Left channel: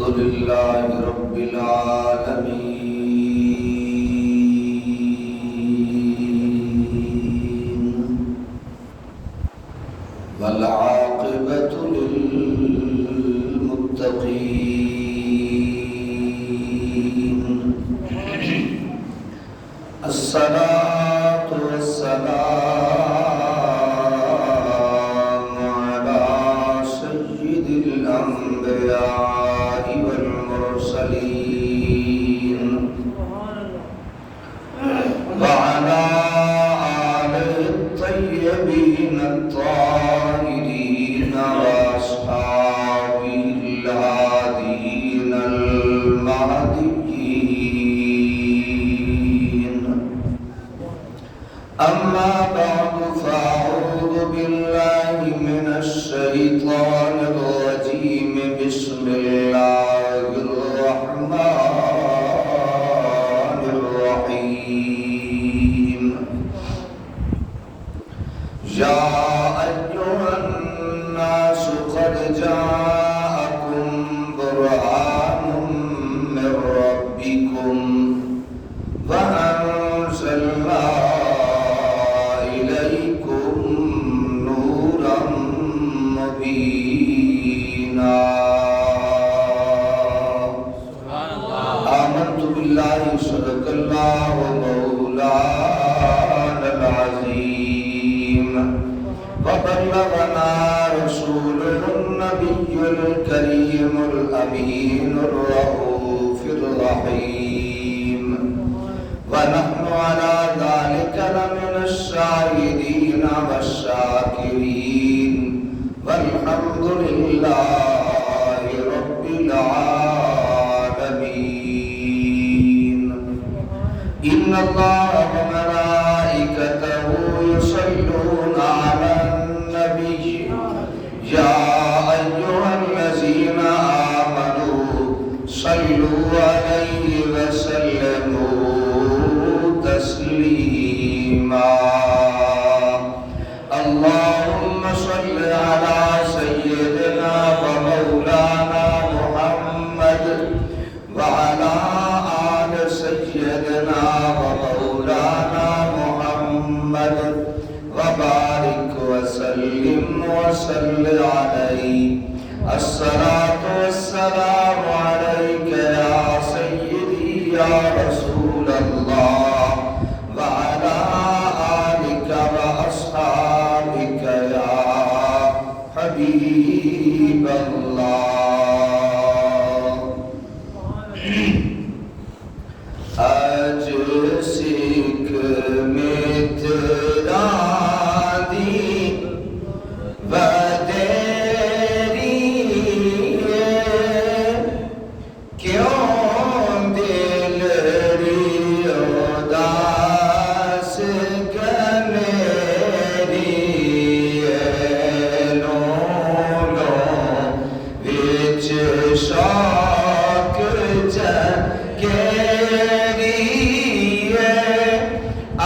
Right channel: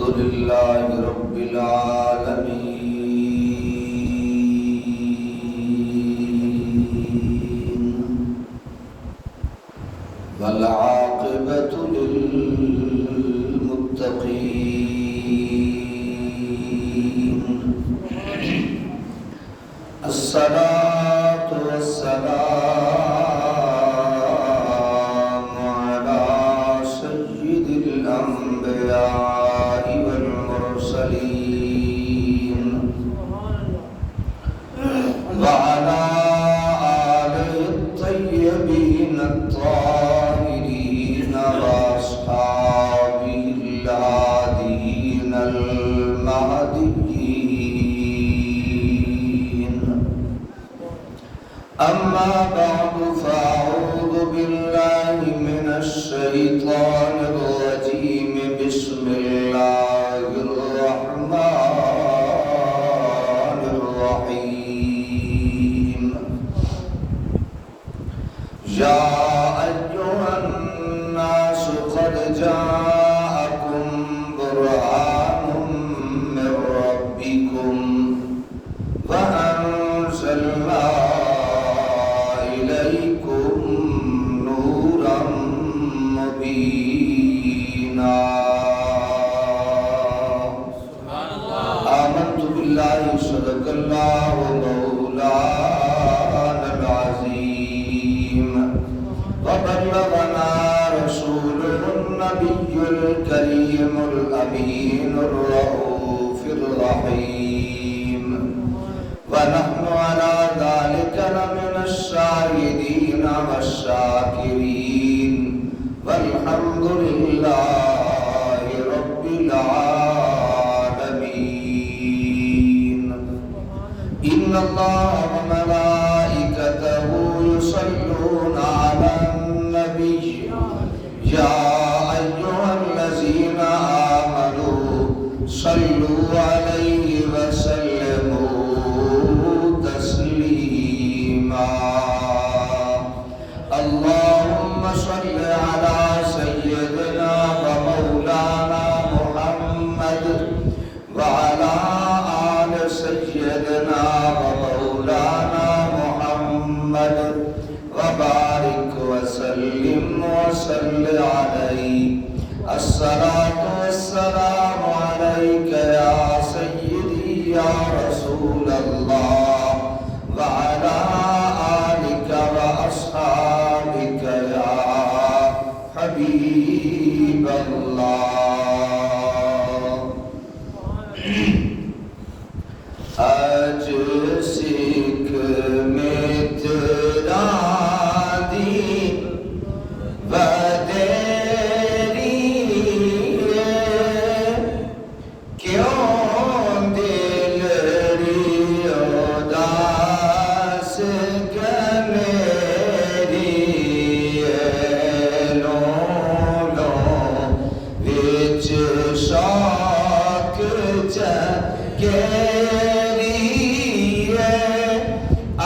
الحمد لله رب العالمين والعاقبة للمتقين الصلاة والسلام على سيد الأنبياء والمرسلين وعلى آله الطيبين الطاهرين وأصحابه الهادين المهديين أما بعد فأعوذ بالله من الشيطان الرجيم بسم الله الرحمن الرحيم يا أيها الناس قد جاءكم برهان من ربكم وأنزلنا إليكم نورا مبينا آمنت بالله صدق الله مولانا العظيم وبلغنا رسوله النبي الكريم الأمين الرؤوف الرحيم ونحن على ذلك لمن الشاهدين والشاكرين والحمد لله رب العالمين إن الله وملائكته يصلون على النبي يا أيها الذين آمنوا صلوا عليه وسلموا تسليما اللهم صل على سيدنا ومولانا محمد وعلى آل سيدنا ومولانا محمد وبارك وسلم وصل عليه الصلاة والسلام عليك يا سيدي يا رسول الله وعلى آلك وأصحابك يا حبيب الله آج سکھ میں تیرا دین بدیری کیوں دل اداس گمیری لو وچ شوق جگیری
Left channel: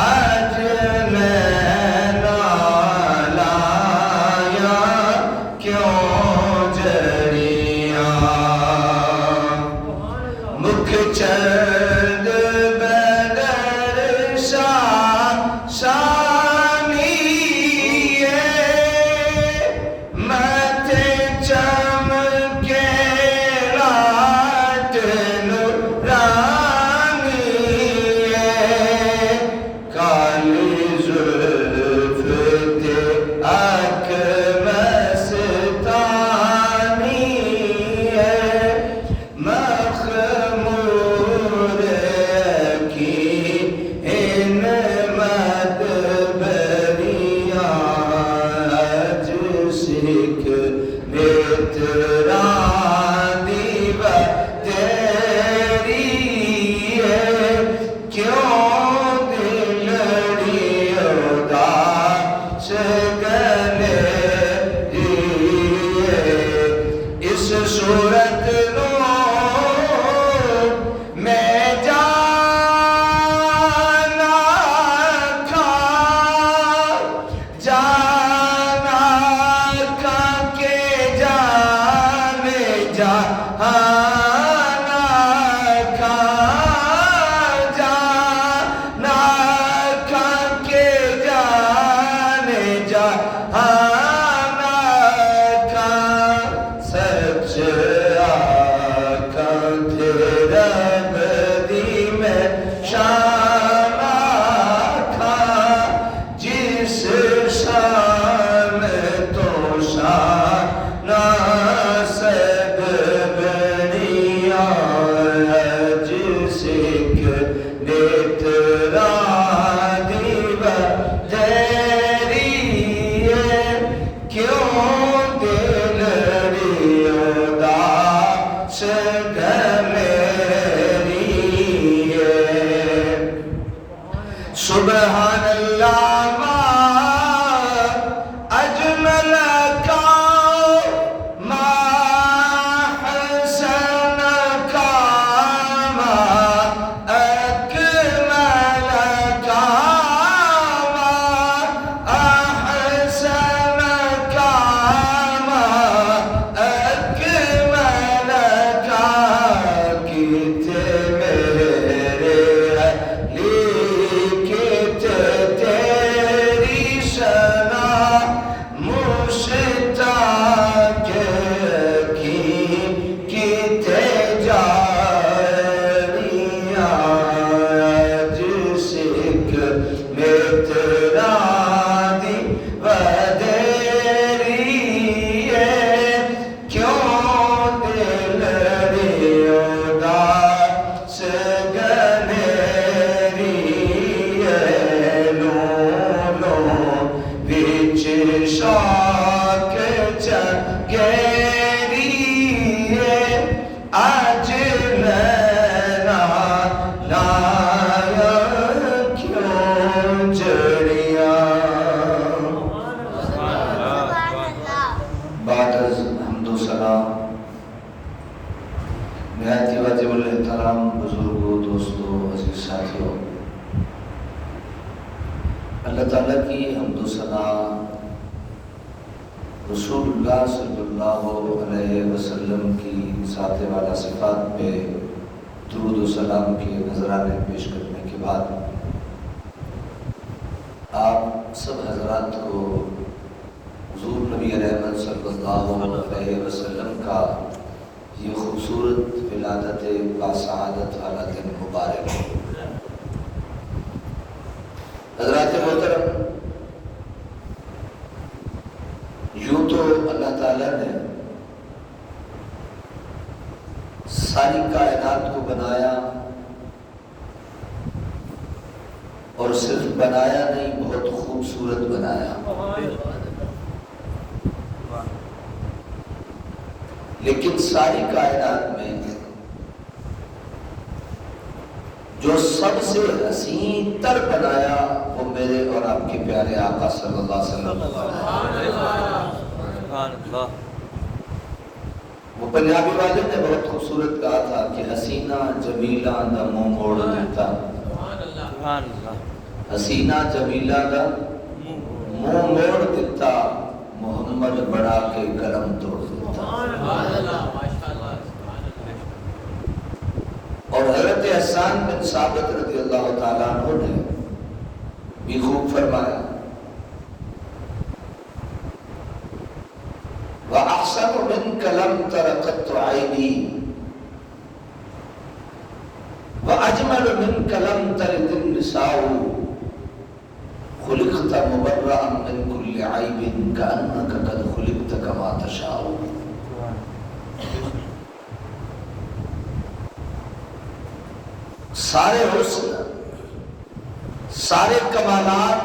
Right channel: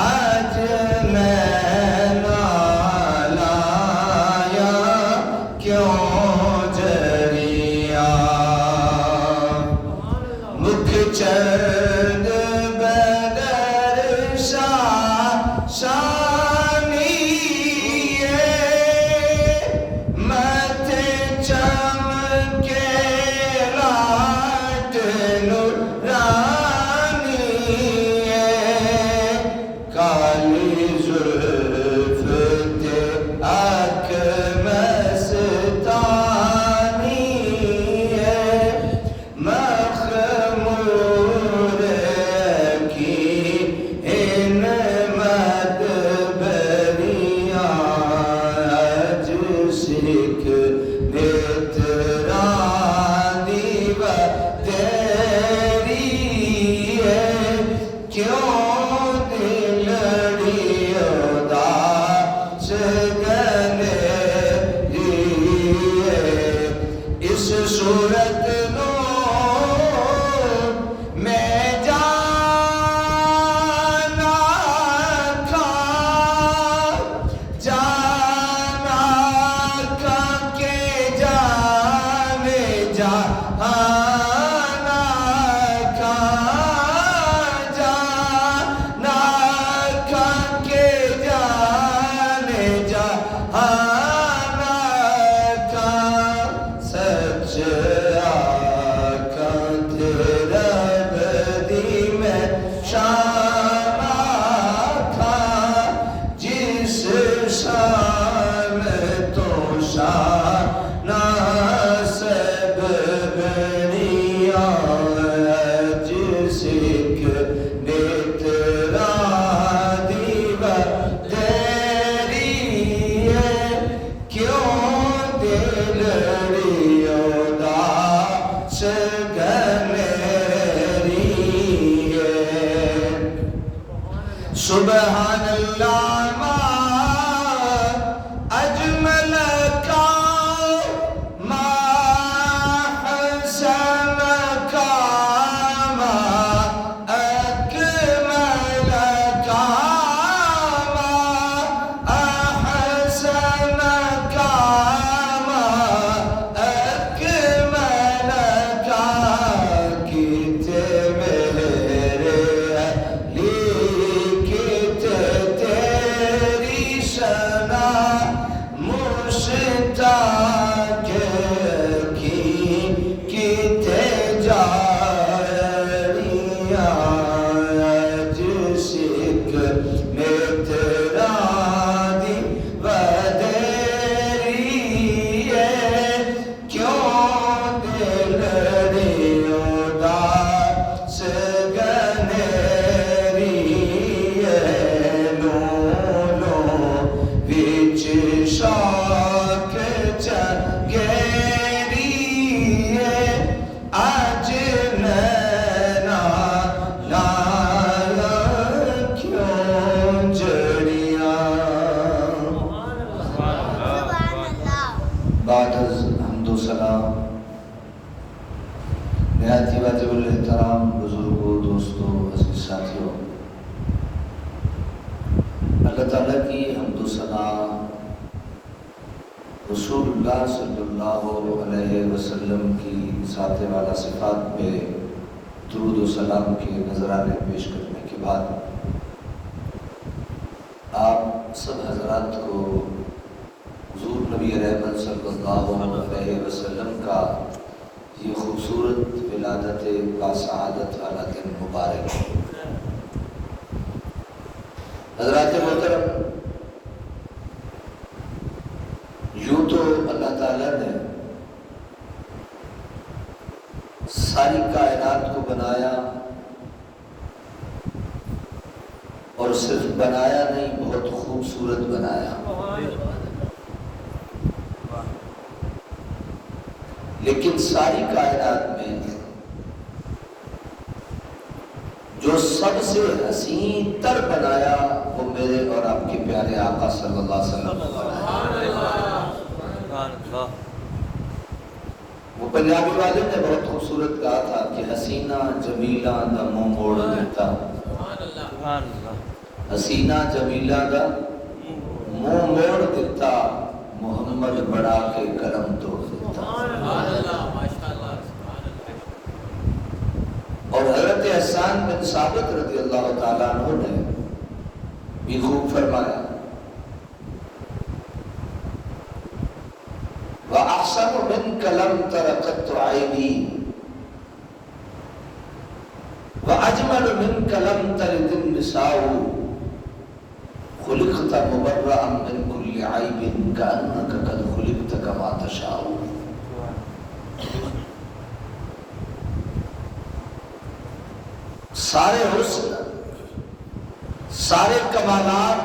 آج میں لایا کیوں جڑیا مکھ چند بدر شانی مت چمکے رات نورانی کالی زلف تے اک مستانی مخمور کی ان مدبریاں اج سکھ بیتران دیو تیری کیوں دلڑی اداس گلیری اس صورت نو میں جانا کھا جانا کھا کے جانے جہاں تا کہ کتے جاریاں جس ایک نیتران دی ودیری ہے کیوں دل ریو داس گنیری ہے لولو وچ شاک چنگیری ہے آج نینا لایا کیوں جڑیاں بعد از حمد و سلام نہایت ہی واجب الاحترام بزرگوں دوستوں عزیز ساتھیوں اللہ تعالیٰ کی حمد و ثنا رسول اللہ صلی اللہ علیہ وسلم کی ذات والا صفات پہ درود و سلام کے نذرانے پیش کرنے کے بعد آپ سب حضرات کو حضور نبی رحمت صلی اللہ علیہ وسلم کا یہ خوبصورت ولادت باسعادت والا دن مبارک ہے۔ حضرات محترم، یوں تو اللہ تعالیٰ نے ساری کائنات کو بنایا اور صرف بنایا نہیں بہت خوبصورت بنایا، لیکن ساری کائنات میں جو سب سے حسین تر بنایا وہ میرے اور آپ کے پیارے آقا صلی اللہ علیہ وسلم۔ وہ پنجابی والے نے بہت خوبصورت کہا تھا کہ حسینہ جمیلہ دا منہ موڑ دیتا، حسینہ جمیلہ دا منہ موڑ دیتا، محمد بڑا کے کرم توڑ دیتا۔ اور حضرت حسان بن ثابت رضی اللہ تعالیٰ عنہ نے بھی خوب فرمایا وَأَحْسَنُ مِنْكَ لَمْ تَرَ قَطُّ عَيْنِي وَأَجْمَلُ مِنْكَ لَمْ تَلِدِ النِّسَاءُ خُلِقْتَ مُبَرَّأً مِنْ كُلِّ عَيْبٍ كَأَنَّكَ قَدْ خُلِقْتَ كَمَا تَشَاءُ۔ سارے حسن، سارے کمالات،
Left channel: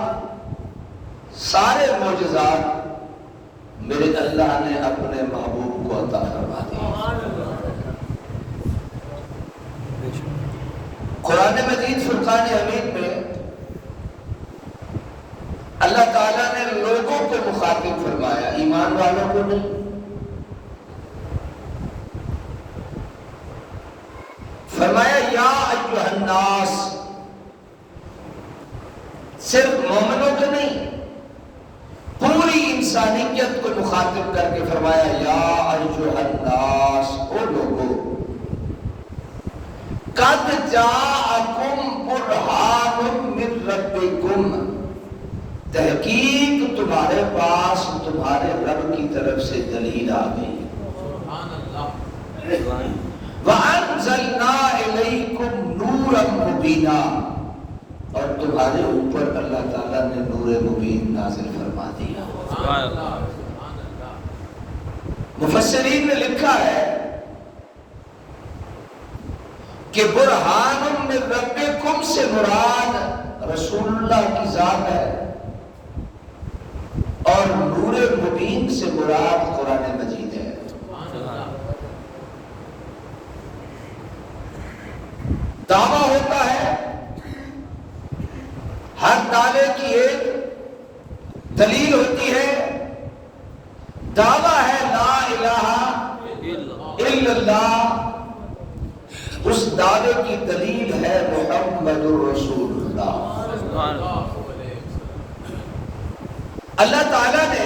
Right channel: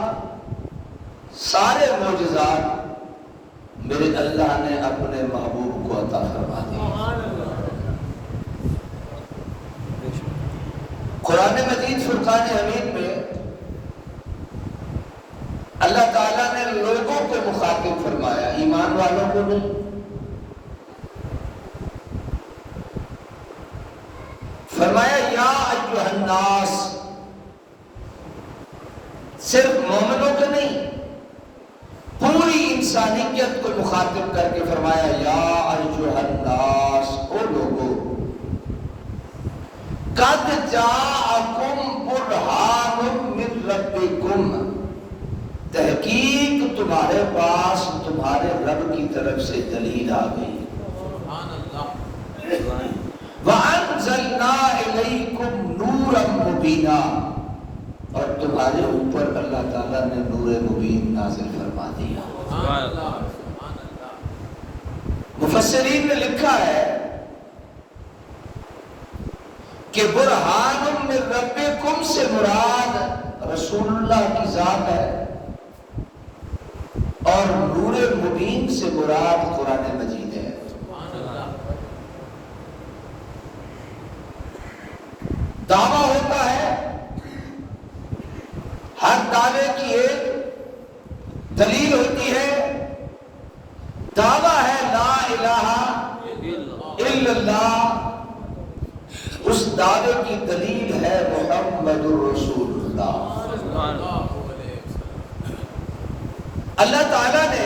سارے معجزات میرے اللہ نے اپنے محبوب کو عطا فرما دی۔ قرآن مجید فرقان حمید میں اللہ تعالیٰ نے لوگوں کو مخاطب فرمایا، ایمان والوں کو نہیں۔ فرمایا یا ایھا الناس، صرف مومنوں کو نہیں، پوری انسانیت کو مخاطب کر کے فرمایا یا ایھا الناس، او لوگو، قد جاءکم برہان من ربکم، تحقیق تمہارے پاس تمہارے رب کی طرف سے دلیل آ گئی۔ وَأَنزَلْنَا إِلَيْكُمْ نُورًا مُبِينًا، اور تمہارے اوپر اللہ تعالیٰ نے نور مبین نازل فرما دیا۔ مفسرین نے لکھا ہے کہ برہان من ربکم سے مراد رسول اللہ کی ذات ہے، اور نور مبین سے مراد قرآن مجید ہے۔ دعویٰ ہوتا ہے، ہر دعوے کی ایک دلیل ہوتی ہے، دعویٰ ہے لا الہ الا اللہ، اس دعوے کی دلیل ہے محمد رسول اللہ۔ اللہ تعالیٰ نے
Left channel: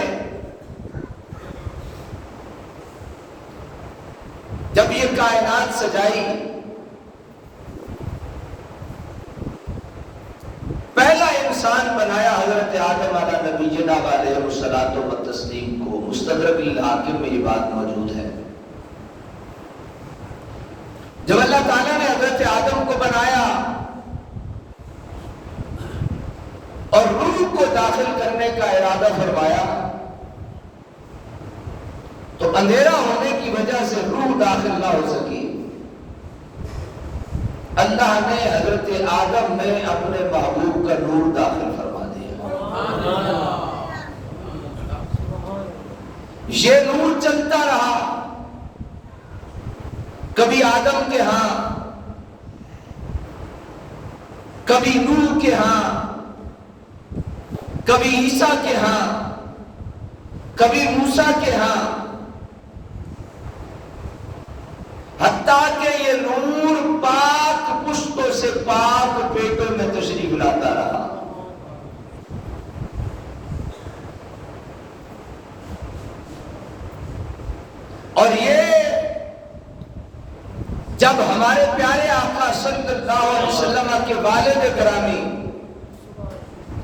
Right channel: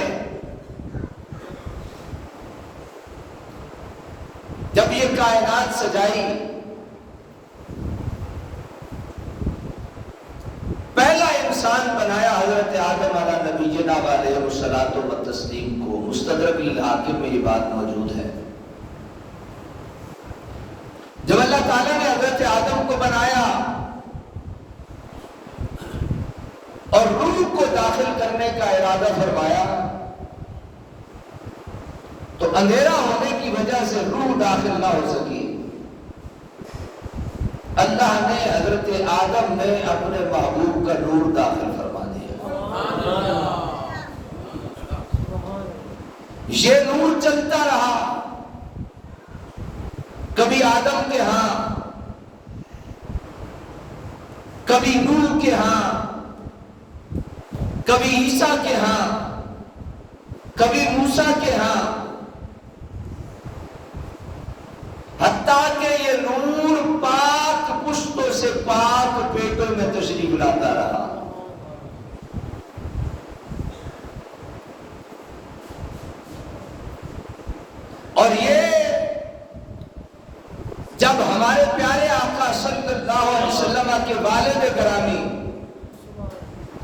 جب یہ کائنات سجائی، پہلا انسان بنایا حضرت آدم علیہ نبی جناب علیہ الصلوۃ والتسلیم کو مستدرک الحاکم میں یہ بات موجود ہے. جب اللہ تعالیٰ نے حضرت آدم کو بنایا اور روح کو داخل کرنے کا ارادہ فرمایا تو اندھیرا ہونے کی وجہ سے روح داخل نہ ہو سکی. اللہ نے حضرت آدم میں اپنے محبوب کا نور داخل فرما دیا. یہ نور چلتا رہا، کبھی آدم کے ہاں، کبھی نوح کے ہاں، کبھی عیسیٰ کے ہاں، کبھی موسیٰ کے ہاں، حتیٰ کہ یہ نور پاک پشتوں سے پاک پیٹوں میں تشریف لاتا رہا. اور یہ جب ہمارے پیارے آقا صلی اللہ علیہ وسلم کے والد گرامی،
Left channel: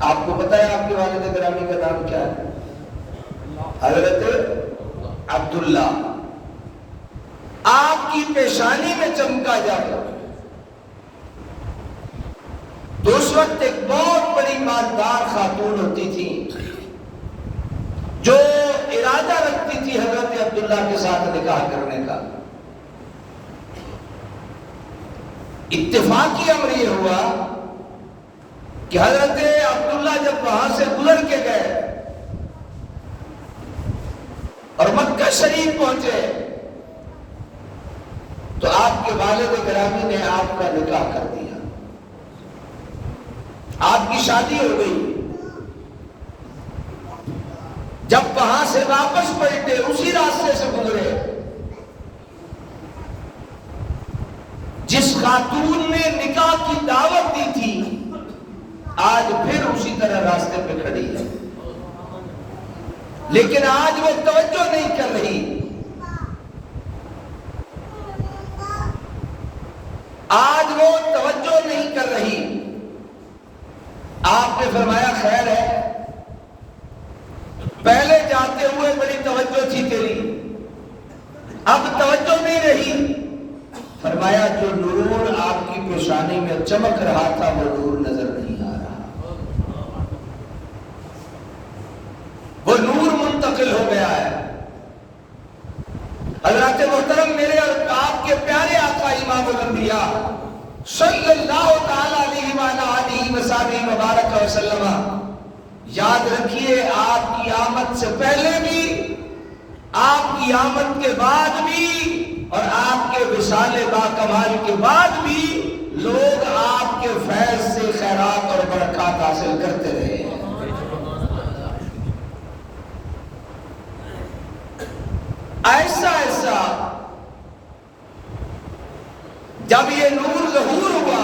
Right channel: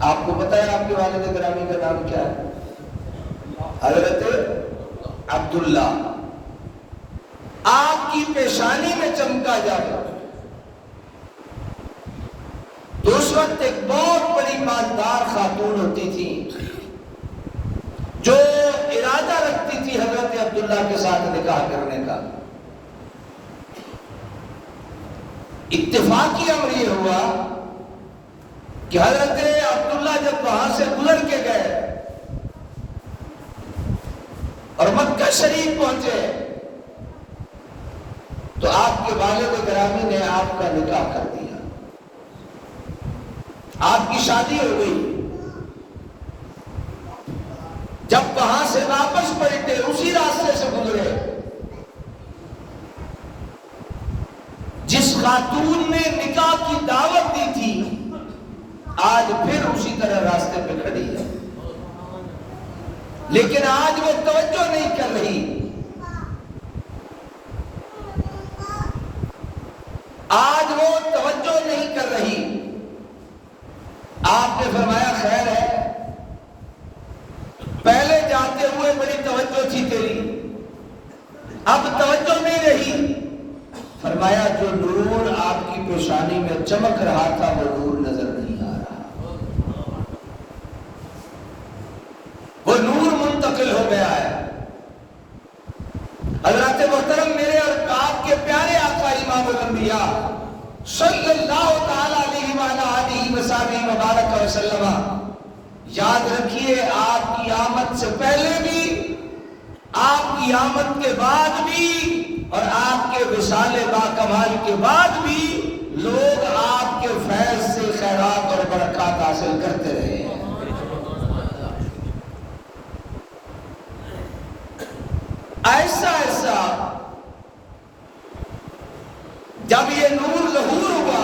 آپ کو پتہ ہے آپ کے والد گرامی کا نام کیا ہے؟ حضرت عبداللہ. آپ کی پیشانی میں چمکا جائے تو اس وقت ایک بہت بڑی مالدار خاتون ہوتی تھی جو ارادہ رکھتی تھی حضرت عبداللہ کے ساتھ نکاح کرنے کا. اتفاقی امر یہ ہوا کہ حضرت عبداللہ جب وہاں سے گزر کے گئے اور مکہ شریف پہنچے تو آپ کے والد گرامی نے آپ کا نکاح کر دیا. آپ کی شادی ہو گئی. جب وہاں سے واپس پلٹے اسی راستے سے گزرے، جس خاتون نے نکاح کی دعوت دی تھی آج پھر اسی طرح راستے پہ کھڑی ہے، لیکن آج وہ توجہ نہیں کر رہی. آج وہ توجہ نہیں کر رہی. آپ نے فرمایا خیر ہے، پہلے جاتے ہوئے بڑی توجہ تھی تیری، اب توجہ نہیں رہی. فرمایا جو نور آپ کی پیشانی میں چمک رہا تھا وہ نور نظر نہیں آ رہا، وہ نور منتقل ہو گیا ہے. حضرات محترم، میرے اور آپ کے پیارے آقا امام الانبیاء صلی اللہ تعالی علیہ وآلہ وصحبہ وبارک وسلم، یاد رکھیے آپ کی آمد سے پہلے بھی، آپ کی آمد کے بعد بھی، اور آپ کے وصال با کمال کے بعد بھی لوگ آپ کے فیض سے خیرات اور برکات حاصل کرتے رہے ہیں. ایسا ایسا جب یہ نور ظہور ہوا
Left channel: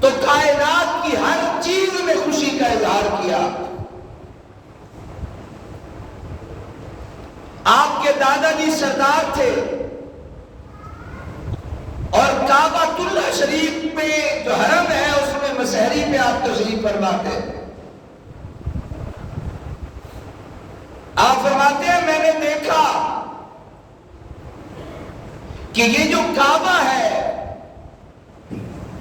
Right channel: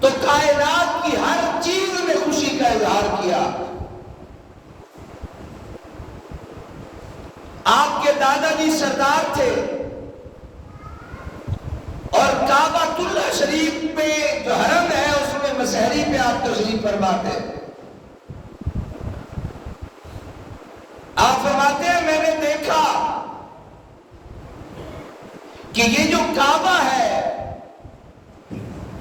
تو کائنات کی ہر چیز نے خوشی کا اظہار کیا. آپ کے دادا جی سردار تھے اور کعبۃ اللہ شریف میں جو حرم ہے اس میں مسحری پہ آپ تشریف فرماتے ہیں. آپ فرماتے ہیں میں نے دیکھا کہ یہ جو کعبہ ہے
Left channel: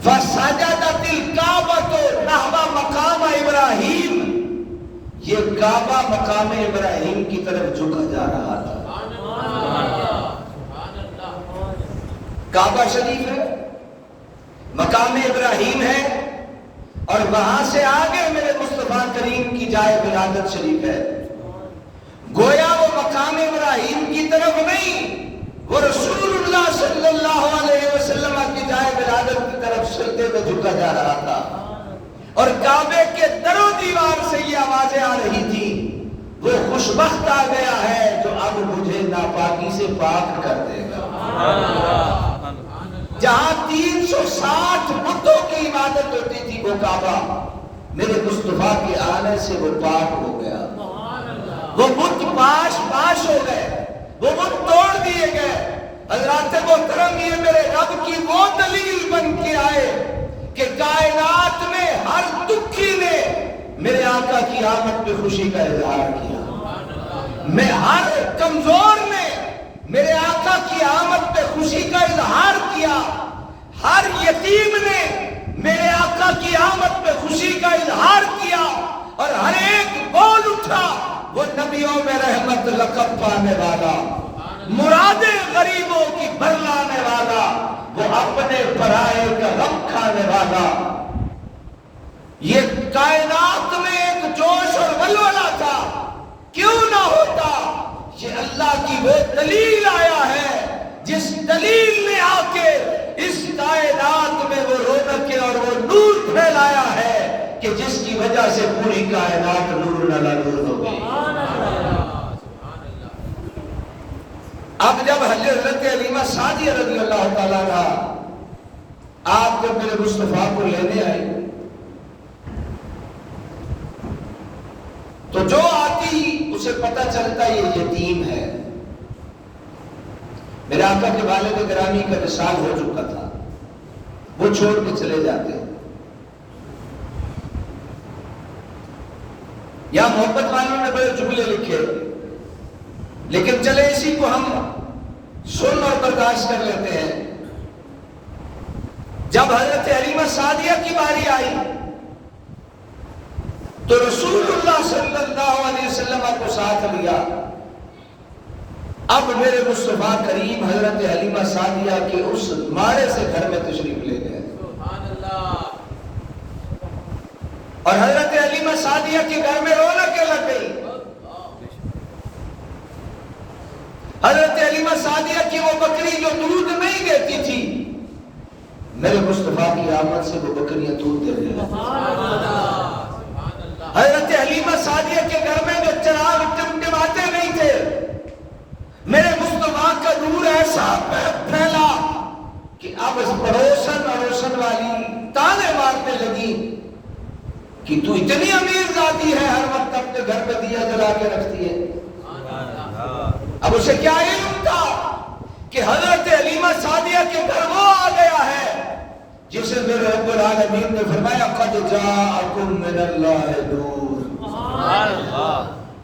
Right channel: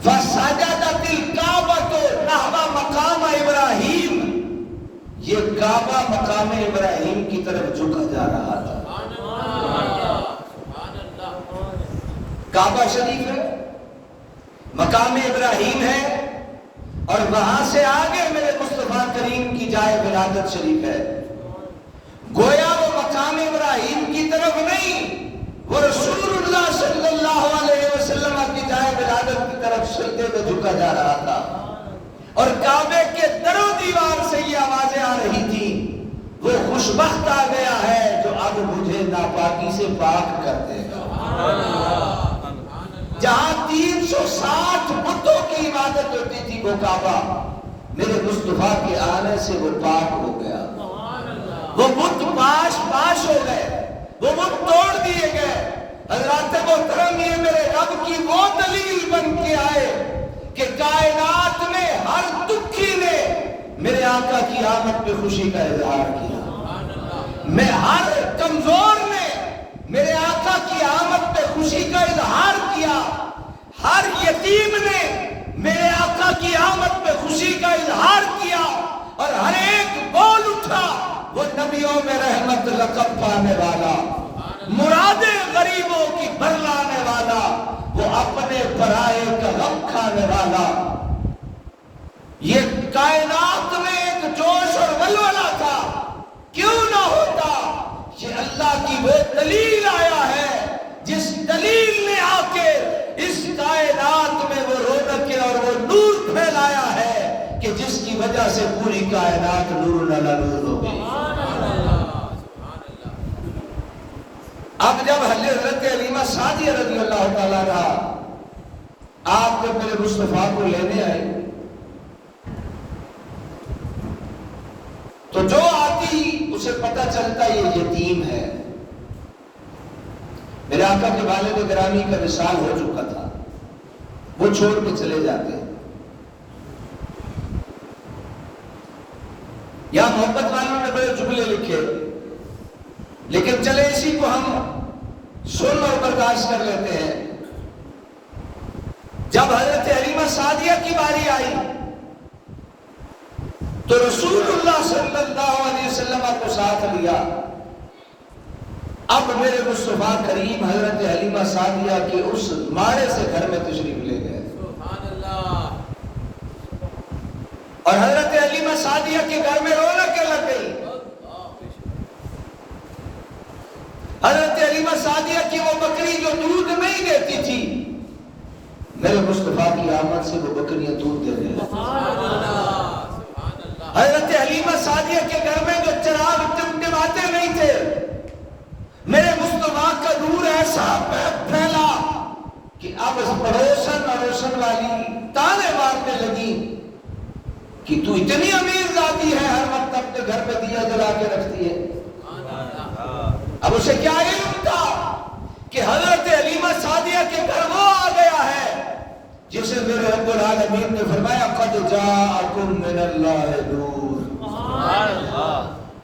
فَسَجَدَتِ الْكَعْبَةُ نَحْوَ مَقَامَ إِبْرَاهِيمَ، یہ کعبہ مقام ابراہیم کی طرف جھکا جا رہا تھا. کعبہ شریف ہے، مقام ابراہیم ہے، اور وہاں سے آگے میرے مصطفیٰ کریم کی جائے ولادت شریف ہے. گویا وہ مقام ابراہیم کی طرف نہیں، وہ رسول اللہ صلی اللہ علیہ وسلم کی جائے ولادت کی طرف سجدے میں جھکا جا رہا تھا. اور کعبے کے در و دیوار سے یہ آوازیں آ رہی تھی، وہ خوشبخت آ گیا ہے جو اب مجھے ناپاکی سے پاک کر دے گا. جہاں 360 بتوں کی عبادت ہوتی تھی وہ کعبہ میرے مصطفیٰ کے آنے سے وہ پاک ہو گیا. وہ بت پاش ہو گئے، وہ بت توڑ دیے گئے. حضرات محترم، یہ میرے رب کی وہ دلیل بن کے آئے کہ کائنات میں ہر دکھی نے میرے آقا کی آمد پہ خوشی کا اظہار کیا. میں ہر کمزور نے میرے آقا کی آمد پہ خوشی کا اظہار کیا. ہر یتیم نے میرے آقا کی آمد پہ خوشی کا اظہار کیا. اور ہر ایک بول اٹھا وہ نبیوں میں رحمت لقب پانے والا, مرادیں غریبوں کی بھرلانے والا, وہ اپنے پرائے کا غم کھانے والا. یہ کائنات میں ایک جوش اور ولولہ تھا, کیوں نہ ہوتا. یہ اللہ کی وہ دلیل آیا ہے جس دلیل نے آ کے اس کائنات میں وہ رونقیں اور وہ نور پھیلایا ہے کہ جس کی وجہ سے پوری کائنات نور علی نور ہو گئی. اب جب حضرت حلیمہ سعدیہ رضی اللہ تعالیٰ عنہا آپ جب میرے مصطفیٰ کو لینے آئے تو جو آتی اسے پتہ چلتا یہ یتیم ہے. میرے آقا کے والد گرامی کا وصال ہو چکا تھا, وہ چھوڑ کے چلے جاتے. یا محبت والوں نے بڑے جملے لکھے, لیکن چلے اسی کو ہم سن اور برداشت کر لیتے ہیں. جب حضرت حلیمہ سعدیہ کی باری آئی تو رسول اللہ صلی اللہ علیہ وسلم کو ساتھ لیا. اب میرے مصطفیٰ کریم حضرت حلیمہ سعدیہ کے اس ماڑے سے گھر میں تشریف لے گئے. اور حضرت حلیمہ سعدیہ کے گھر میں رونقیں لگ گئی. حضرت حلیمہ سعدیہ کی وہ بکری جو دودھ نہیں دیتی تھی, میرے مصطفیٰ کی آمد سے وہ بکریاں دودھ دے رہے. حضرت حلیمہ سعدیہ کے گھر میں جو چراغ ٹمٹماتے نہیں تھے, میرے مصطفیٰ کا نور ایسا پھیلا کہ اب پڑوسن والی تانے مارنے لگی کہ تو اتنی امیر ذاتی ہے, ہر وقت اپنے گھر پہ دیا جلا کے رکھتی ہے. اب اسے کیا علم تھا کہ حضرت حلیمہ سعدیہ کے گھر وہ آ گیا ہے جسے میرے رب العالمین نے فرمایا قد جاءکم من اللہ نور.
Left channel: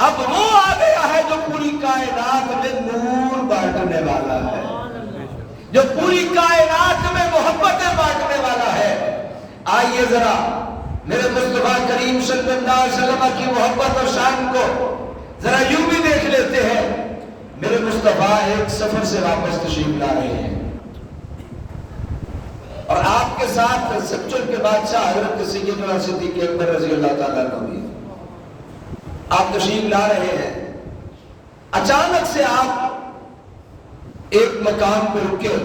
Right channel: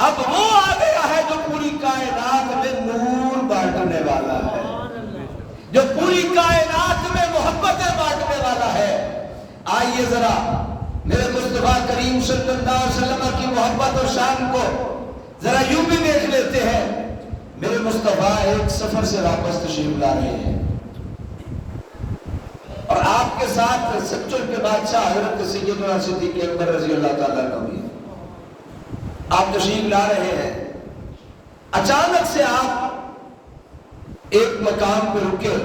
اب وہ آ گیا ہے جو پوری کائنات میں نور بانٹنے والا ہے, جو پوری کائنات میں محبتیں بانٹنے والا ہے. آئیے ذرا میرے مصطفیٰ کریم صلی اللہ علیہ وسلم کی محبت اور شان کو ذرا یوں بھی دیکھ لیتے ہیں. میرے مصطفیٰ ایک سفر سے واپس تشریف لا رہے ہیں اور آپ کے ساتھ سچوں کے بادشاہ حضرت سیدنا صدیق اکبر رضی اللہ تعالیٰ عنہ بھی آپ تشریف لا رہے ہیں. اچانک سے آپ ایک مکان پہ رکے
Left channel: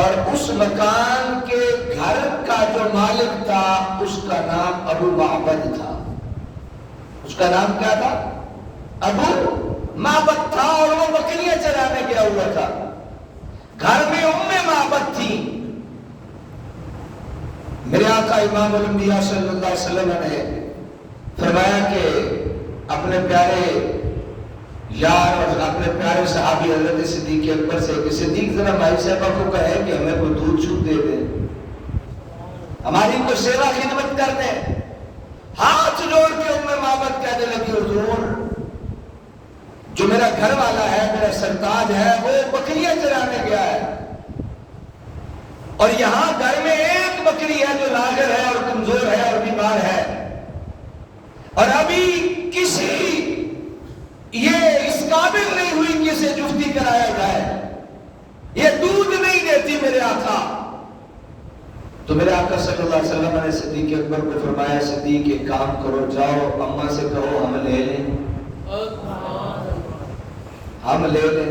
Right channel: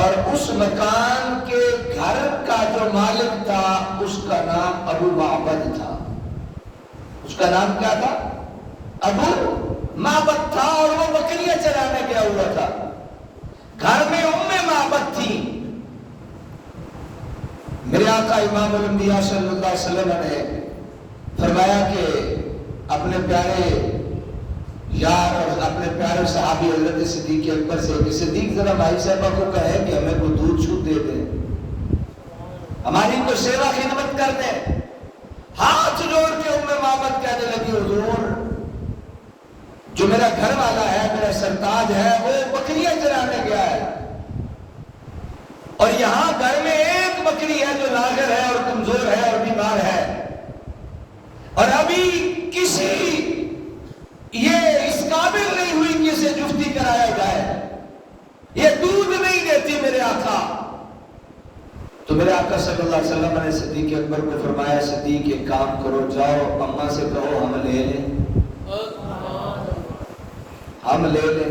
اور اس مکان کے گھر کا جو مالک تھا اس کا نام ابو معبد تھا. اس کا نام کیا تھا؟ ابو معبد تھا. اور وہ بکریاں چرانے گیا ہوا تھا. گھر میں معبد تھی. میرے آقا امام الانبیاء صلی اللہ علیہ وسلم نے فرمایا کہ اپنے پیارے یار اور اپنے پیارے صحابی حضرت صدیق اکبر سے کہ صدیق ذرا بھائی صاحبہ کو کہے کہ ہمیں کوئی دودھ چھوٹ دے دیں, ہماری کوئی سیوا خدمت کر دیں. ہاتھ جوڑ کے معبد کہنے لگی حضور جو میرا گھر والا ہے, میرا سرتاج ہے, وہ بکریاں چرانے گیا ہے اور یہاں گھر میں ایک بکری ہے جو لاغر ہے اور کمزور ہے اور بیمار ہے, اور ابھی کسی یہ اس قابل نہیں ہوئی کہ اسے جفتی کرایا جائے, یہ دودھ نہیں دیتی میرے آقا. تو میرے آقا صلی اللہ علیہ وسلم نے صدیق اکبر کو فرمایا صدیق ایک کام کرو, جاؤ اماں سے کہو ہم لے لیں, ہم لے لیں.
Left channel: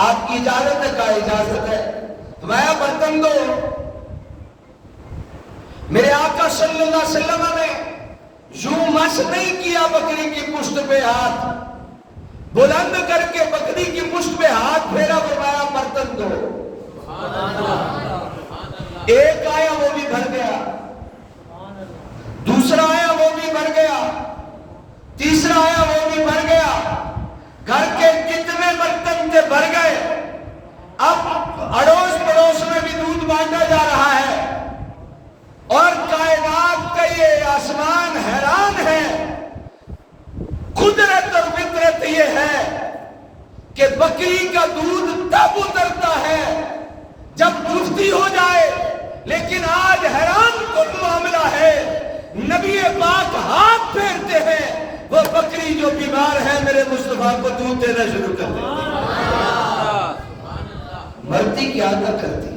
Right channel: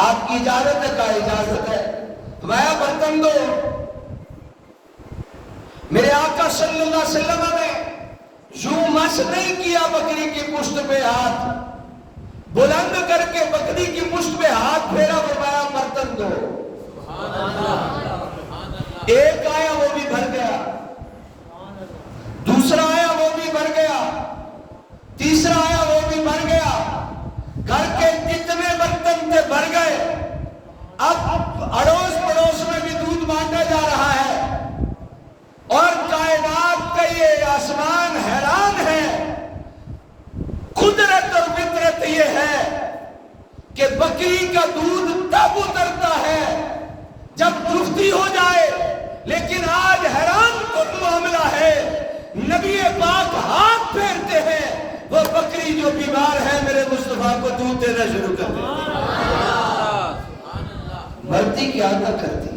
آپ کی اجازت ہے؟ کہا اجازت ہے. میں برتن دو. میرے آقا صلی اللہ علیہ وسلم نے یوں مس نہیں کیا بکری کی پشت پہ ہاتھ, بلند کر کے بکری کی پشت پہ ہاتھ پھیرا, فرمایا برتن دو. ایک آیا وہ بھی بھر گیا, دوسرا آیا وہ بھی بھر گیا, تیسرا آیا وہ بھی بھر گیا. گھر کے جتنے برتن تھے بھر گئے. اب اڑوس پڑوس میں بھی دودھ بانٹا جا رہا ہے اور کائنات کا یہ آسمان حیران ہے. قدرت اور فطرت یہ ہے کہ بکری کا دودھ تب اترتا ہے جب مفتی ہو جائے، لیکن آج حیران کن معاملہ ہے، نبی پاک ہاتھ پھیرتے ہیں، وہ بکری جو بیمار ہے میرے مصطفیٰ کو دودھ دینا شروع کر دیتی. مرتی کیا نہ کرتی،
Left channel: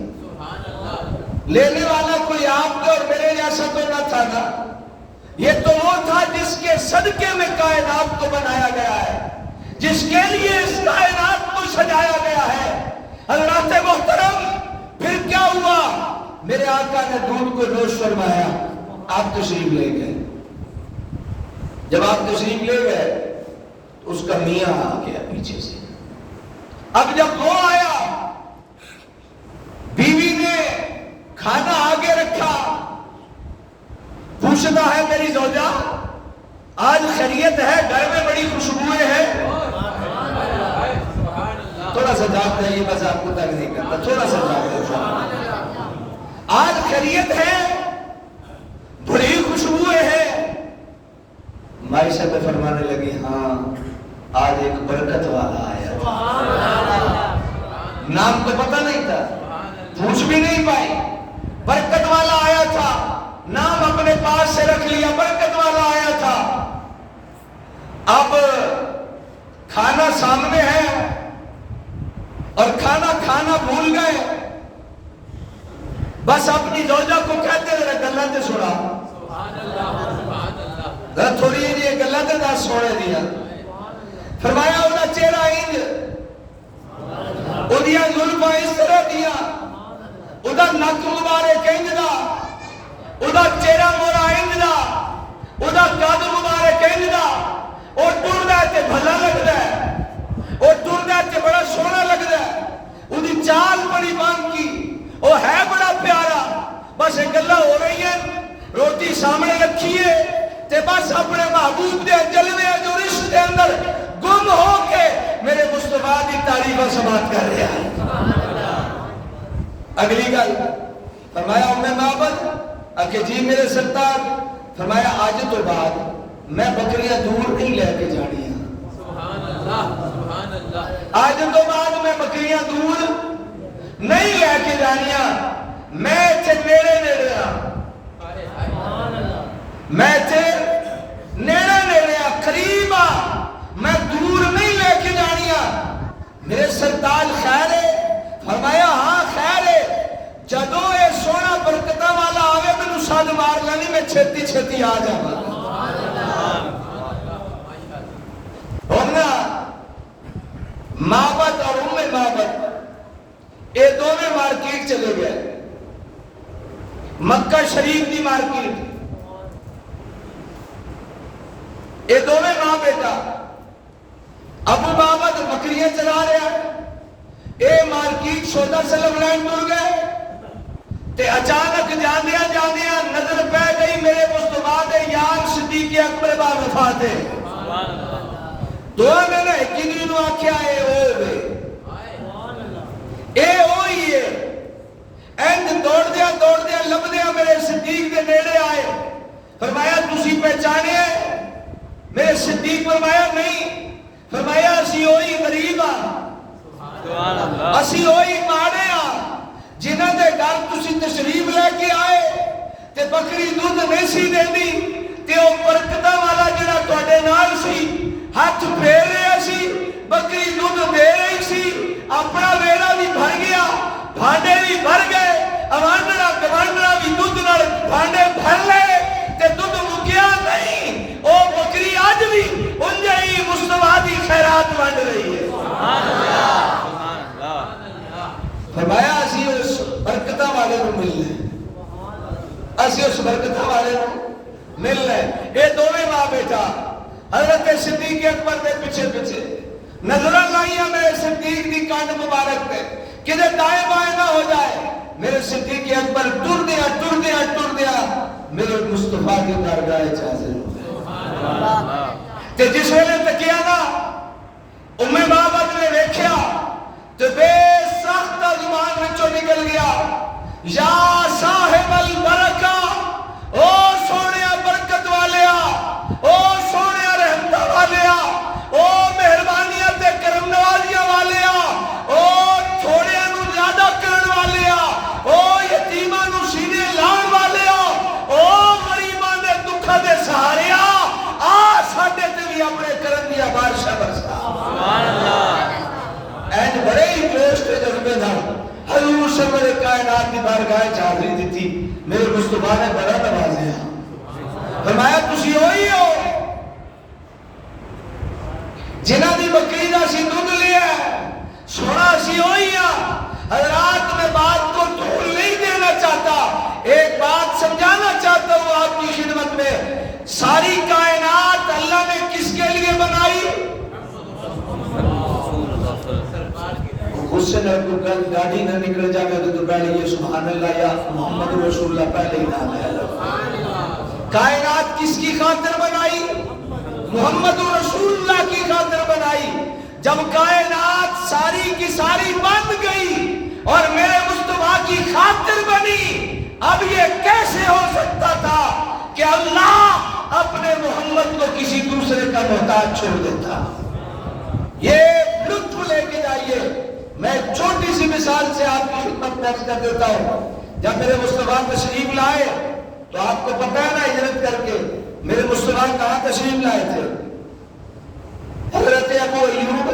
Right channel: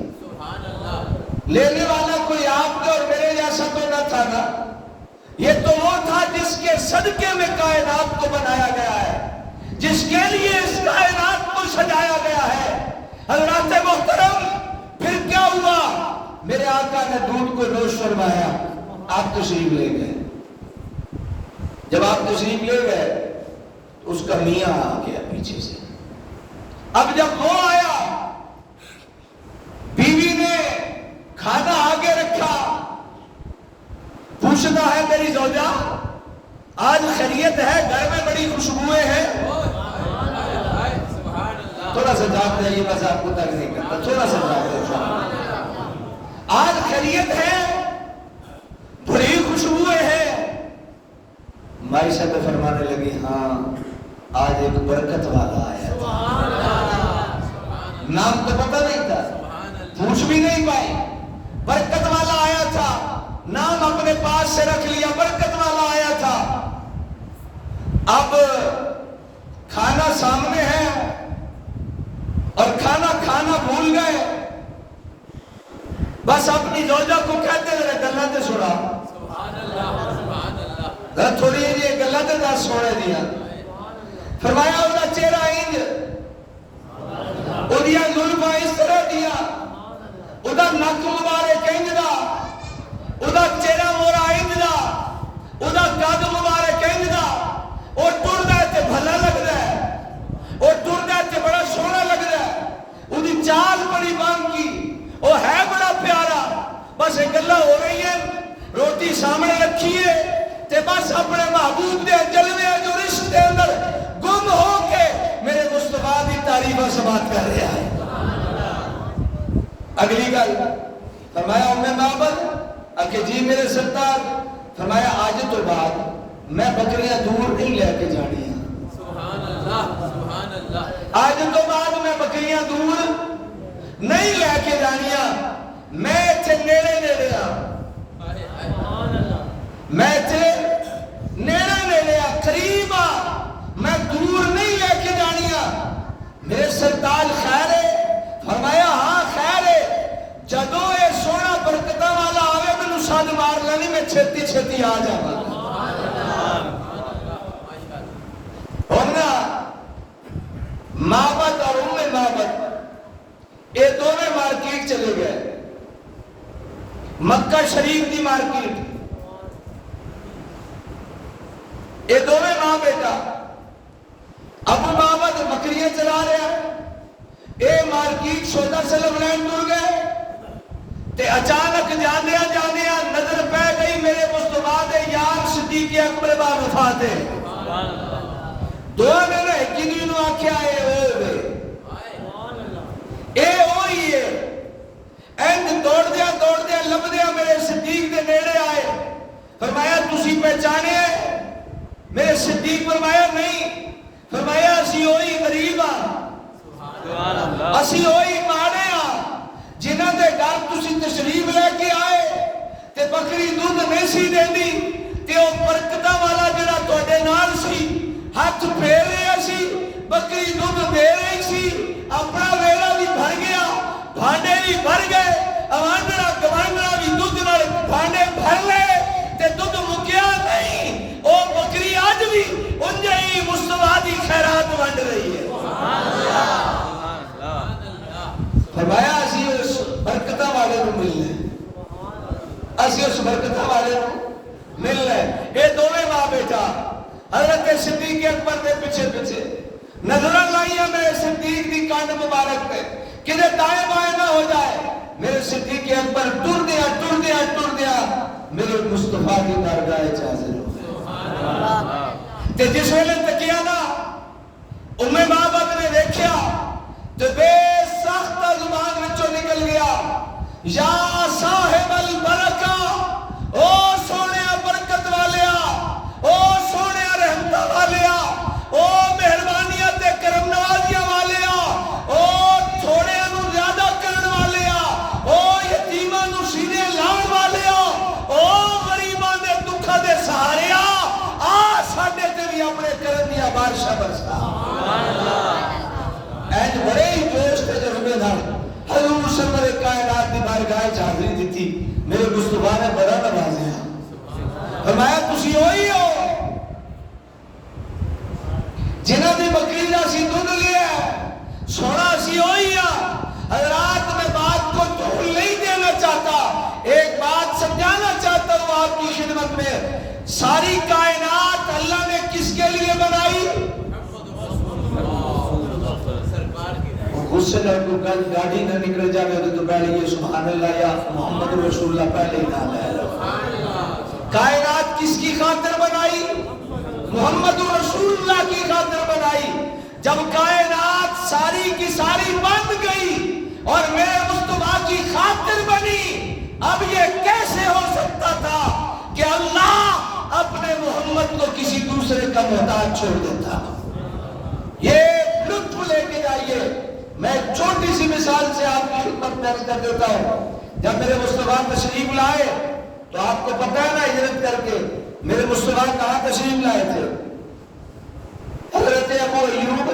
لینے والا کوئی آپ کا اور میرے جیسا تو نہ تھا نا، یہ تو وہ تھا جس کے صدقے میں کائنات کو بنایا گیا ہے، جس کے لیے اس کائنات کو سجایا گیا ہے. حضرات محترم، پھر کیا ہوا؟ میرے آقا نے دودھ کو نوش فرمایا، آپ تشریف لے گئے. جب آپ تشریف لے گئے اس کا میاں آ گیا پیچھے سے. اب جب وہ آیا، بیوی نے کھانا آگے رکھا، پوچھتا ہے میری زوجہ آج خیریت ہے؟ گھر میں بڑی خوشبوئیں ہیں. تھوڑا سا جاگتے ہیں، یہ بس آپ کو تنگ نہیں کرتا، تھوڑا سا جاگتے ہیں. آج خیریت ہے، بڑی خوشبوئیں ہیں. مائی صاحب فرمانے لگی ہاں آج ایک برکت والا آیا تھا. نام تو پتہ نہیں تھا، پوچھ بھی نہیں پائی. برکت والا آیا تھا، نام اپنے پاس سے رکھ لیا، برکت والا آیا تھا. اب کھانا سامنے ہے اور کھانا کھانا بھول گئے. بس اپنی زوجہ کو کہتے ذرا گلا تے سنا، ذرا تھوڑی جی گلا تے دس سونے دیا. فرمایا وہ چہرہ انج، وہ زلفاں اس طرح دیا، وہ نک مبارک انج دا، وہ چہرہ مورا انج دا، وہ قد مبارک انج دا. وہ ٹردا تے بھلا لگدا ہے، وہ ٹردا تے بڑا سونا لگدا ہے. وہ چال بڑی بانکی، وہ ہے بڑا پیارا. بس یہ گلا ہو رہی ہیں، روٹی سامنے رکھی ہے تے بس اپنے محبوب دے جلوے جو رشت دے اندر گم ہو کے میرے مصطفیٰ دی تعریف و سماعت کر رہا ہے. اگلی گل فرمایا ام معبد کہ جی میرے سرکار. فرمایا آج تو بعد میں بکریاں دور نہیں لے کے جانی ہیں. آج تو بعد میں بکریاں دور نہیں لے کے جانیاں، میں تے نیڑے نیڑے میں تے نیڑے نیڑے قریب میں دور نہیں لے کے جانیاں. میرے سرتاج خیر ہے؟ فرمایا ہاں خیر ہے. جدو یہ سونا برکتہ والا آوے میں نساد مار لانی، میں چھتی چھتی آ جاؤں. ہونا معبد اور ام معبد یہ دونوں مارکیٹ چلے گئے، مکہ شریف کی مارکیٹ. یہ دونوں ماں بیٹا. ابو معبد بکریاں چلا رہے ہیں، اے مارکیٹ سودا سلم لین ٹر گئے تے اچانک جاندیاں جاندیاں نظر پہ گئی میرے مصطفیٰ دے یار صدیق اکبر با وفات ہے. دعا نے نہ کنی نو آکھیا اے او دے اے ہوئی ہے. اینڈ دوڑ دیا لب دیا میرے صدیق دے نیڑے آئے. فرمایا تسی پہچانے ہیں؟ میرے صدیق فرمایا نہیں. فرمایا اسی ہوئی غریب ہاں، اسی ہوئی ماڑے ہاں جنہاں دے گھر تسی تشریف لے کے آئے تے بکری دودھ نہیں سی دیندی تے او برکتاں والا جڑا تواڈے نال سی ہاتھ پھیر رہا سی، بکری دودھ دے رہی سی. اپنا ویڑا بھی بھر گیا، بھانڈے بھی بھر گئے، اوانڈڑا گوانڈڑا بھی دودھ نال بھانڈے بھر لے تے دودھ مکیا نہیں. او بکری آج بھی انجے ہی مصطفیٰ دی خیرات بانٹ رہی ہے. فرمایا اسی اس برکتہ والے کو مل لیں، اسی اس برکتہ والے کو مل لیں. یہ دونوں ماں بیٹا حضرت صدیق اکبر دے پیچھے پیچھے نظریں لائیاں میرے صدیق دی کانڈ مبارک پہ کدھے دائیں بائیں نہ ہو جائے. میرے صدیق اکبر ٹر دیا میرے مصطفیٰ کی بارگاہ حاضر تے جس ویلے تکیا نا ام معبد نے ویکھیا تے بے سخت زبان وچوں نکل گیا یا صاحب البرکہ، او سونے برکت والیا، او سونے رحمتہ والیا، او مہربانیاں تے کرم نوازیاں والیا، او تھوڑے انو زیادہ کرن والیا، او یتیماں نو سینے لان والیا، او غریباں دے دکھا دے سہاریا، آ ساڈے تے بھی اپنے کرم دیا بارشاں برسا۔ سبحان اللہ۔ اینج بڑے ہی جوش تے جذبے نال حضور سرور کائنات دی بارگاہ وچ حاضری دتی، میرے مصطفیٰ نے بڑا نوازیا، فرمایا تسی ہوئی ہو جنہاں دی بکری دا سی دودھ لیا ہے، سونا سی ہوئی ہاں۔ حضرات میں بات کو طول نہیں دینا چاہتا، ایک بات سمجھانا چاہتا ہوں آپ کی خدمت میں، ساری کائنات اللہ نے کس کے لیے بنائی؟ اس سے کل گاڑی نہ نکل جانے تو پہلے یہ سبحان اللہ یا محمد رسول اللہ پہلے ہی نام ہے۔ کائنات کس کی خاطر بنائی؟ محمد رسول اللہ کی خاطر بنائی۔ جب کائنات ساری کی ساری بن گئی اور میرے مصطفیٰ کی خاطر بنی، اب یہ کیسے ہو سکتا تھا کہ اللہ اپنے محمد کو کسی دوسرے کا محتاج چھوڑ دیتا؟ یہ لطف لے کے جائیے۔ میں چھوٹی سی مثال سے آپ کی خدمت میں کر دیتا ہوں۔ جب میرے مصطفیٰ تشریف لائے تو آپ کو پتہ ہے نا، ہجرت کر کے میرے مصطفیٰ کہاں تشریف لائے تھے؟ حضرت ابو ایوب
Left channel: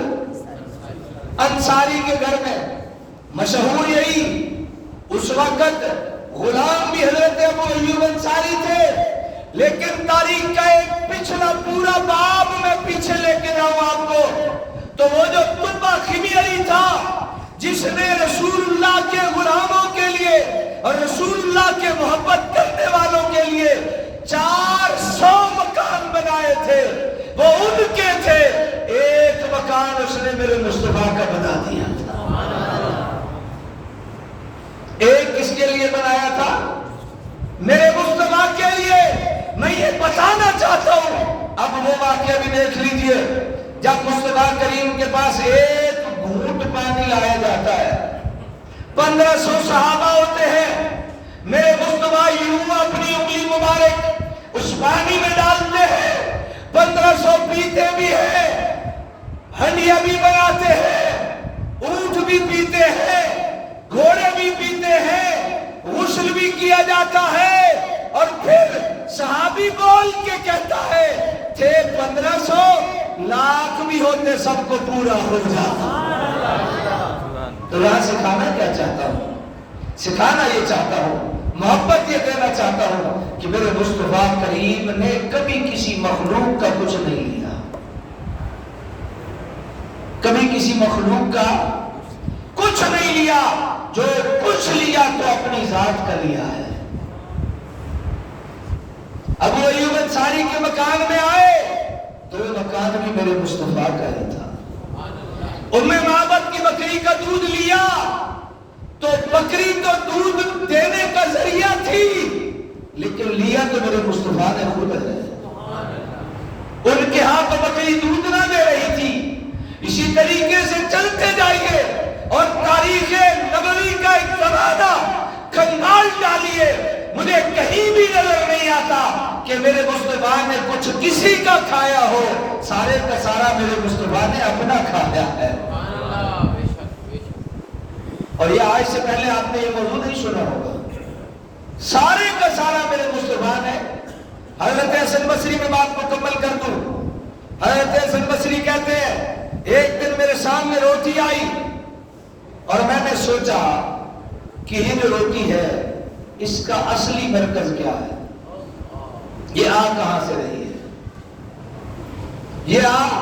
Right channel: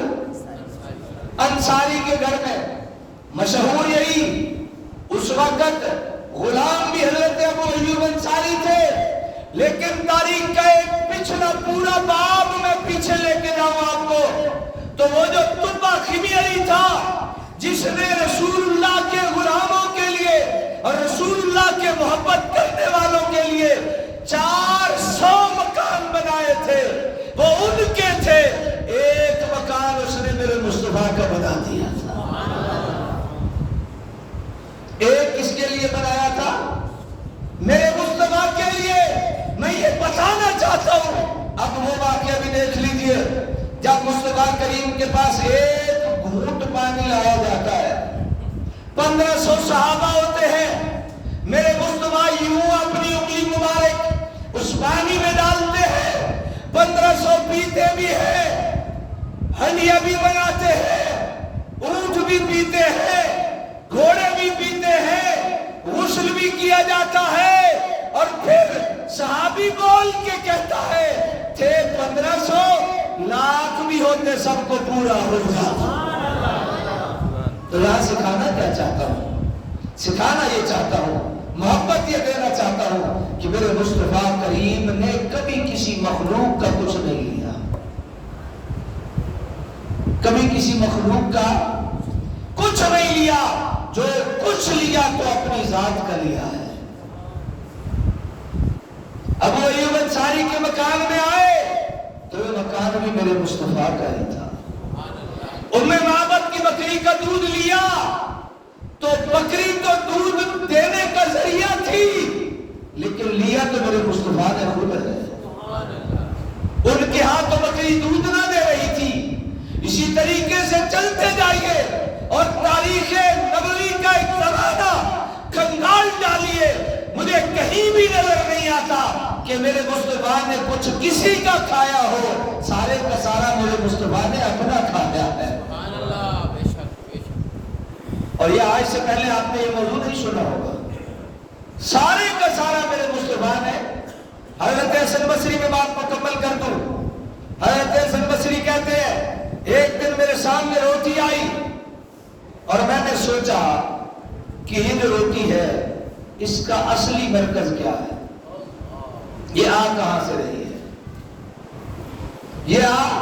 انصاری کے گھر میں، مشہور یہی، اس وقت غلام بھی حضرت ابو ایوب انصاری تھے، لیکن تاریخ کا ایک پچھلا پورا باب میں پیچھے لے کے جاؤں آپ کو، تو وہ جو تبا خمیری تھا جس نے رسول اللہ کے غلاموں کے لیے اور رسول اللہ کے محبت کرنے والوں کے لیے 400 مکان بنائے تھے، وہ ان کے تھے، ایک مکان اس نے میرے مصطفیٰ کا بنا دیا تھا۔ ایک کس کے لیے بنایا تھا؟ میرے مصطفیٰ کے لیے۔ میں یہ بتانا چاہتا ہوں، اب وہ واقعہ بھی دیکھ لیجئے، جب مصطفیٰ کریم کے پاس ایک گھونٹ پانی لایا جاتا ہے، 1500 صحابہ ہوتے ہیں، میرے مصطفیٰ یوں اپنی انگلی مبارک اس پانی میں ڈالتے ہیں، 1500 پیتے بھی ہیں، ہنڈیاں بھی بناتے ہیں، اونٹ بھی پیتے ہیں، گھوڑے بھی پیتے ہیں، غسل بھی کیا جاتا ہے، اور پھر صحابی بول کے کہتا ہے تھے 1500، لاکھ بھی ہوتے سب کو پورا ہو جاتا۔ تو یہاں سکھانا کیا چاہتا ہوں؟ سکھانا یہ چاہتا ہوں، محبت یہ دینا چاہتا ہوں کہ میرے مصطفیٰ کریم نے کبھی کسی مخلوق کا کچھ نہیں لیا، کبھی کسی مخلوق کا کچھ نہیں لیا، جو کچھ لیا تو اپنی ذات کا لیا ہے۔ ابو ایوب انصاری کے مکان میں آئے تو یہ مکان بھی میرے مصطفیٰ کا ہی تھا۔ ام معبد کی بکری کا دودھ لیا تو بکری تو دودھ دینے کا ذریعہ تھی، لیکن لیا تو میرے مصطفیٰ نے خود ہے۔ ان کے ہاں تو بکری دودھ نہ دے رہی تھی۔ اسی طریقے سے چلتے جائیے اور تاریخ نبوی کا ایک زمانہ کھنگال ڈالیے، مجھے کہیں بھی نظر نہیں آتا کہ میرے مصطفیٰ نے کچھ کسی کا کھایا ہو، سارے کا سارا میرے مصطفیٰ نے اپنا کھایا ہے۔ اور یہ آج سے پہلے آپ نے یہ موضوع نہیں سنا ہوگا، سارے کا سارا میرے مصطفیٰ نے۔ حضرت حسن بصری میں بات کو مکمل کر دوں، حضرت حسن بصری کہتے ہیں ایک دن میرے سامنے روٹی آئی اور میں نے سوچا کہ یہ جو روٹی ہے اس کا اصلی مرکز کیا ہے، یہ آگ کہاں سے رہی ہے، یہ آگ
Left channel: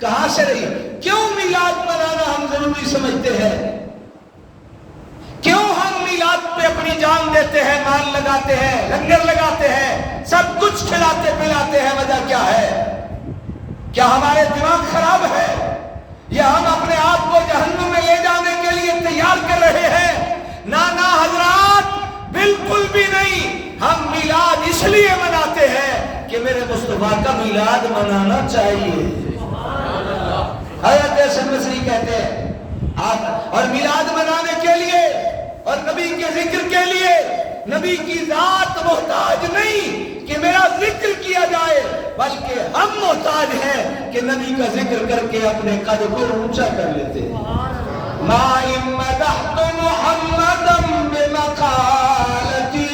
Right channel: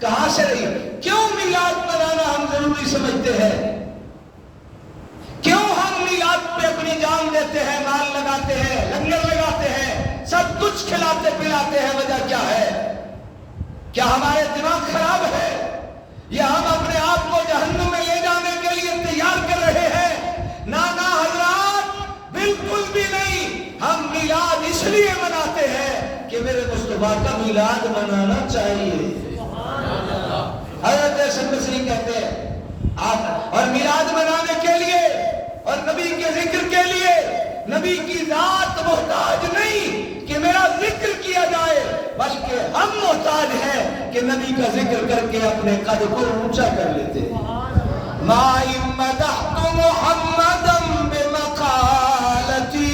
کہاں سے رہی ہے؟ کیوں میلاد منانا ہم ضروری سمجھتے ہیں؟ کیوں ہم میلاد پہ اپنی جان دیتے ہیں، مال لگاتے ہیں، لنگر لگاتے ہیں، سب کچھ کھلاتے پلاتے ہیں؟ وجہ کیا ہے؟ کیا ہمارے دماغ خراب ہے یا ہم اپنے آپ کو جہنم میں لے جانے کے لیے تیار کر رہے ہیں؟ نہ حضرات، بالکل بھی نہیں۔ ہم میلاد اس لیے مناتے ہیں کہ میرے مصطفیٰ کا میلاد منانا چاہیے۔ حضرت حسن بصری کہتے ہیں آپ اور میلاد منانے کے لیے اور نبی نبی کے ذکر کے لیے نبی کی ذات محتاج نہیں کہ میرا ذکر کیا جائے، بلکہ ہم محتاج ہیں کہ نبی کا ذکر کر کے اپنے قد کو اونچا کر لیتے ہیں۔ ما ان مدحت محمدا بمقالتی،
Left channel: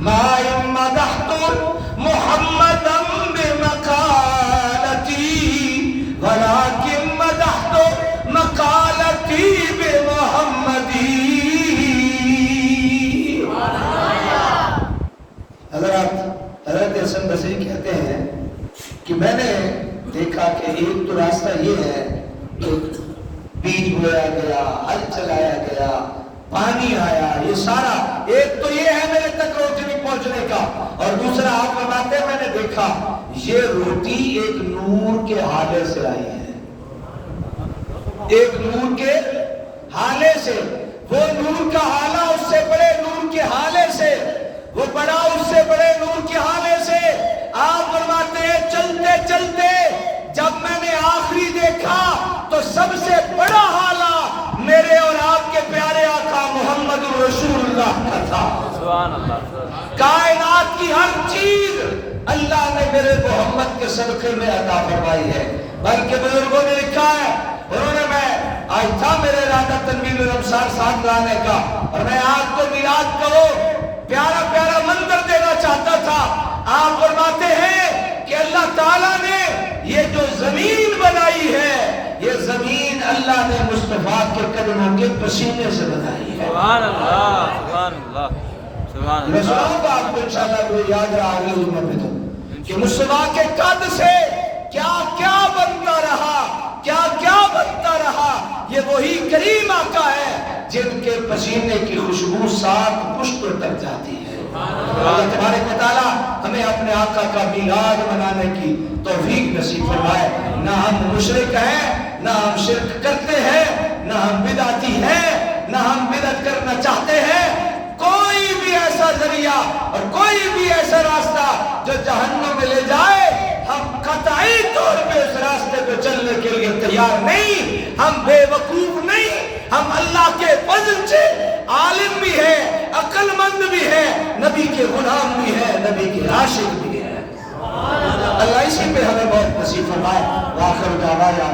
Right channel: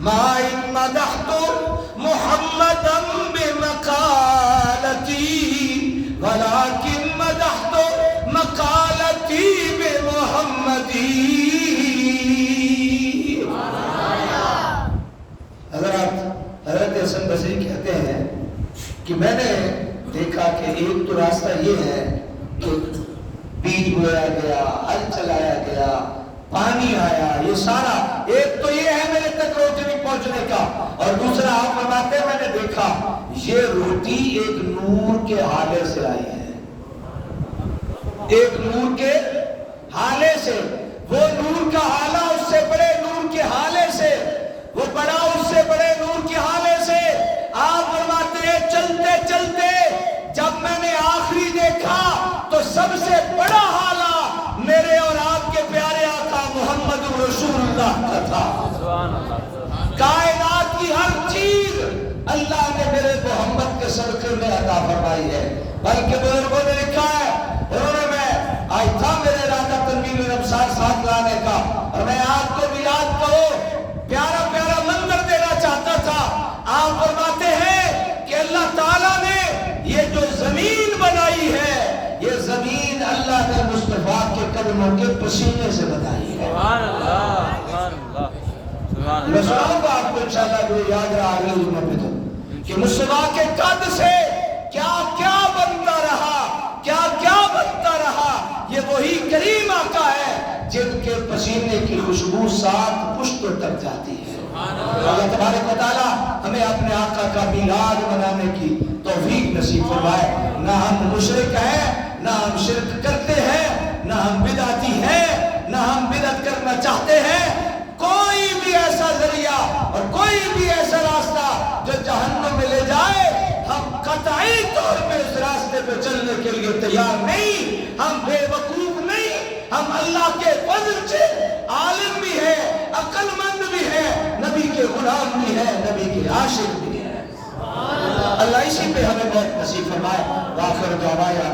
ما ان مدحت محمدا بمقالتی ولكن مدحت مقالتی بمحمدی۔ حضرت حسن بصری کہتے ہیں کہ میں نے دیکھا کہ ایک تو راستہ یہ ہے کہ بیج بویا گیا، ہل چلایا گیا، پانی آیا، یہ سارا ایک تو یہ ہے میرے تک روشنی پہنچنے کا، اور دوسرا آپ فرماتے ہیں میں نے دیکھا یہ روٹی ایک نور کے ہالے سے آئی ہے، ایک نور کے ہالے سے، وہ نور کا حالہ اس سے بڑے نور کے حالے سے، وہ بڑا اس سے بڑے نور کے حالے سے۔ آپ فرماتے ہیں چلتے چلتے جب میں نے آخری دیکھا تو سب سے بڑا حالہ میرے اور آپ کے پیارے آقا محمد رسول اللہ کا تھا۔ سبحان اللہ۔ کائنات کی ہر چیز اللہ نے میرے محمد کے صدقے میں عطا فرمائی ہے، بلکہ بزرگوں نے لکھا ہے، انہوں نے میں آج تھا میرے ارادہ تنویر الابصار ساتھ لانے کا، اور میں آپ کو میلاد کا وہ پیارا پیارا منظر دینا چاہتا تھا۔ آپ فرماتے ہیں کہ اللہ تعالیٰ نے یہ جو زمین بنائی ہے، یہ زمین اللہ نے مصطفیٰ کے قدموں کے پسینے سے بنائی ہے۔ سبحان اللہ، سبحان اللہ، سبحان میں اللہ۔ سناؤں گا آپ کو انشاءاللہ کوئی یاد رہا اگلے جمعہ پہ تو کہ مصطفیٰ کے قد سے کیا کیا بنتا رہا، کیا کیا بنتا رہا۔ یہ وہی کریم آقا ہے جن کے پسینے کی خوشبو سات پشتوں تک جاتی ہے۔ اللہ تبارک و تعالیٰ ہمیں اپنے آقا کا میلاد منانے کی توفیق نصیب فرمائے۔ نہ ہم مشرک ہیں، نہ ہم شرک کرتے ہیں، نہ ہم بدعتی ہیں، نہ ہم بدعت کرنا چاہتے ہیں۔ کوئی بھی ایسا ذریعہ اور کوئی بھی ایسا راستہ جو جہنم میں لے جائے، ہم قطعی طور پہ اس راستے پہ چلنے کے لیے تیار نہیں۔ ہم بے وقوف نہیں، ہم اللہ کے فضل سے عالم بھی ہیں، عقل مند بھی ہیں، نبی کے غلام بھی ہیں، نبی کے عاشق بھی ہیں۔ اللہ اسی پہ ہمیں بہت نصیب فرمائے۔ وآخر دعوانا